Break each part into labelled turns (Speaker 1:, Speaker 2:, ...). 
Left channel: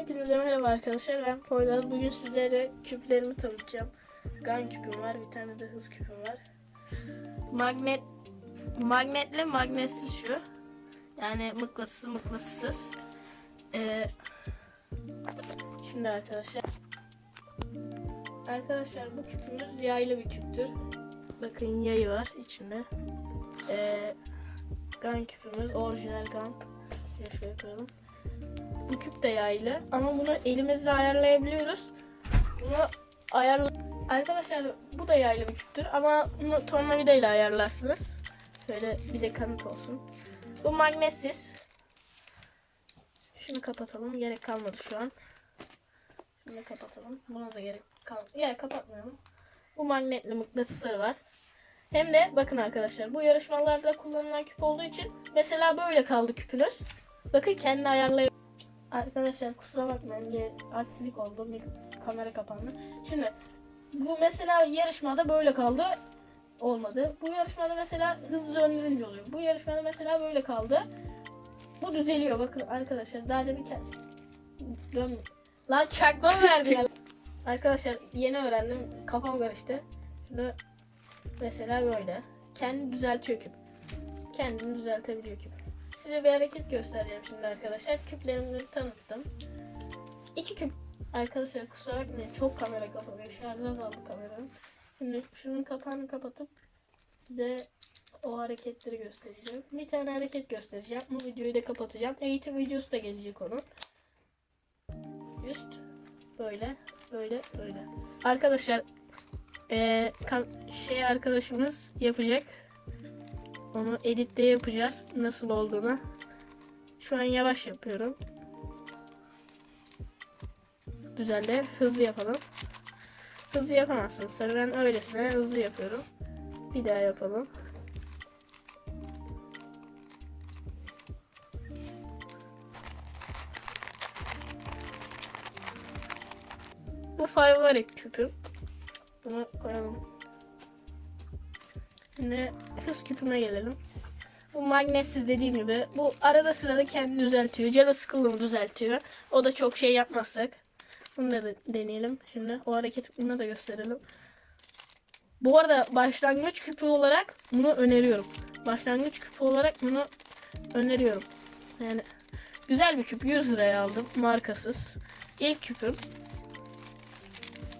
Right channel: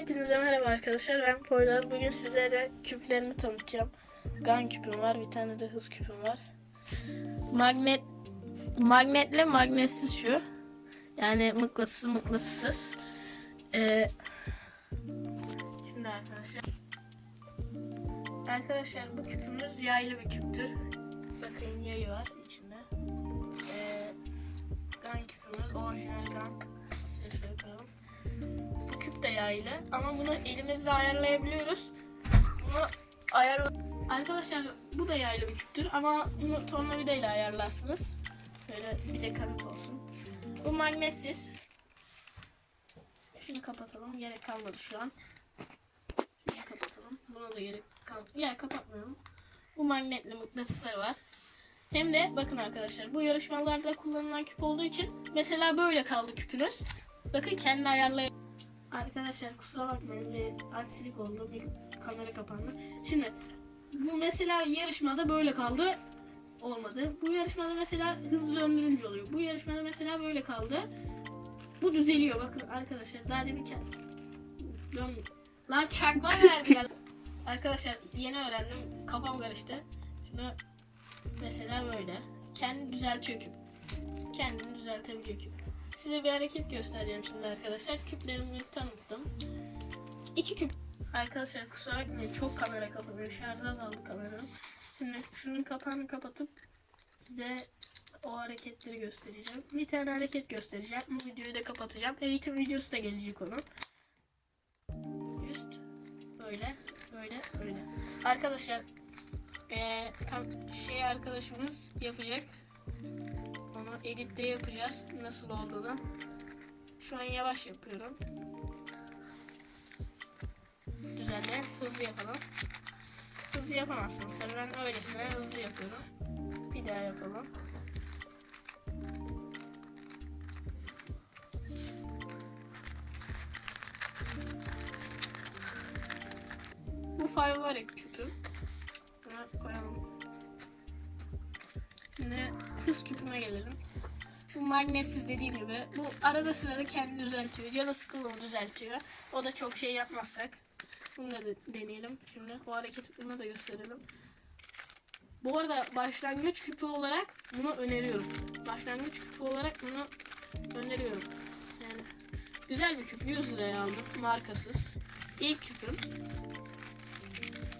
Speaker 1: Hepinize merhaba arkadaşlar. Ben Poyraz. Bugün sizlere küplerimi tanıtacağım. Gun küpüm var. Bir tane de hız küpüm var. Magnet magnetle magnetsiz şu. Yani mıknatıs mıknatıssız. Ee, şimdi arkadaşlar. Arkadaşlar bu küpümüz yaylı bir küptür. Bakın yayı var içinde. Ee, gun küpümüz orijinal gun. Şöyle şöyle koyalım. Bu küp de yaylı ama bunu elimizle ayarlayabiliyoruz. Bunu ayarla Arkadaşlar bu da yaylı bir küptür ama bunu tornavida ile ayarlarsınız. Şöyle bir de kanıt olsun. Bu magnetsiz. Şunu kapatalım. Gerek kalmadı şu an. Şunu kapatalım. Buna da gerek kalmadı. Ya kapatmayalım. Bu magnetli mıknatısları var. Hem de bakın arkadaşlar bu yarışmalarda kullanılan küp olduğu için mesela böyle kaldı küpünüz. Bakın kendi ayarlay Arkadaşlar kusura bakmayın bir aksilik oldu bir kamera kapandı. Şimdi bu mesela yarışmada böyle kaldı olmadı. Bu yarışmada mesela hızlı döndürünce oluyor. Bu yarışmada mesela böyle kaldı. Bu düzeliyor bakın arkadaşlar. Daha demin kend- dön. Lan çakma verdi ya. Arkadaşlar yeni öğrendim. Kafam karıştı. Şimdi mesela böyle. Kendi düzeltiyor küp. Kendini düzeltebiliyor küp. Size bir hareket göstereceğim şimdi arkadaşlar. Küplerimi tanıttım. İki küp arkadaşlar kusura bakmayın çok kamera kapanıyor. Şarj azaldı kameranın. Şimdi şunun kapağını kapatıp size o hareketleri göstereceğim. Bir tane hareket göstereceğim. Bu videoyu da kapatacağım. Eğitim videosu da gelecek onun. Üst böyle böyle böyle. Arkadaşlar kan- şey arkadaşımız yapacak. Onu editte yapacağız. Nasıl olduğunu. Şu an yavaş yapıyorum. Düzenle hızlı yapalım. Hızlı yapamazsınız. Tabii ben öylesine hızlı yapıyorum. Bir daha yapalım. Bu favorit küpüm. Bunu koyalım. Şimdi hız küpüne gelelim. Bu magnetsiz dediğim gibi. Bu arada sırada kendini düzeltiyor. Canı sıkıldığını düzeltiyor. O da çok şey yapmazsak. Bunu da deneyelim. Şimdi o hareketi bunu da gösterelim. Bu arada başlangıç küpü olarak bunu öneriyorum. Başlangıç küpü olarak bunu öneriyorum. Yani güzel bir küp. 100 liraya aldım. Markasız. İlk küpüm.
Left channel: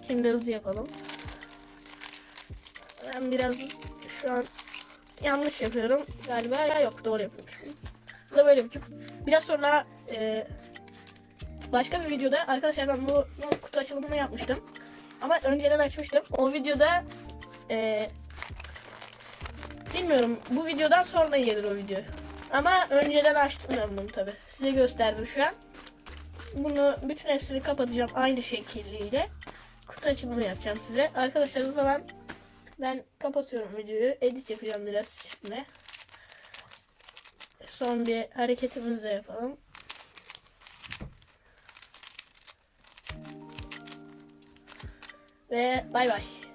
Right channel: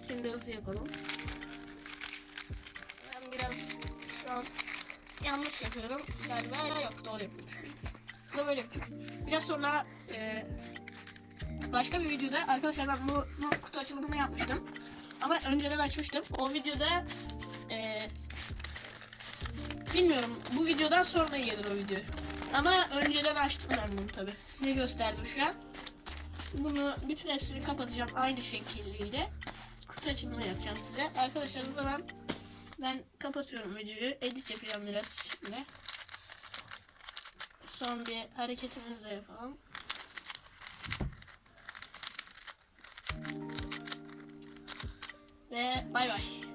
Speaker 1: Şimdi hızlı yapalım. Ben biraz şu an yanlış yapıyorum galiba ya yok doğru yapıyorum. Da böyle küp. Biraz sonra e, başka bir videoda arkadaşlar ben bu, bu kutu açılımını yapmıştım. Ama önceden açmıştım. O videoda e, bilmiyorum bu videodan sonra gelir o video. Ama önceden açtım ben bunu tabi. Size gösterdim şu an. Bunu bütün hepsini kapatacağım aynı şekilde. Kutu açılımını yapacağım size. Arkadaşlar o zaman ben kapatıyorum videoyu. Edit yapacağım biraz şimdi. Son bir hareketimizi de yapalım. Ve bay bay.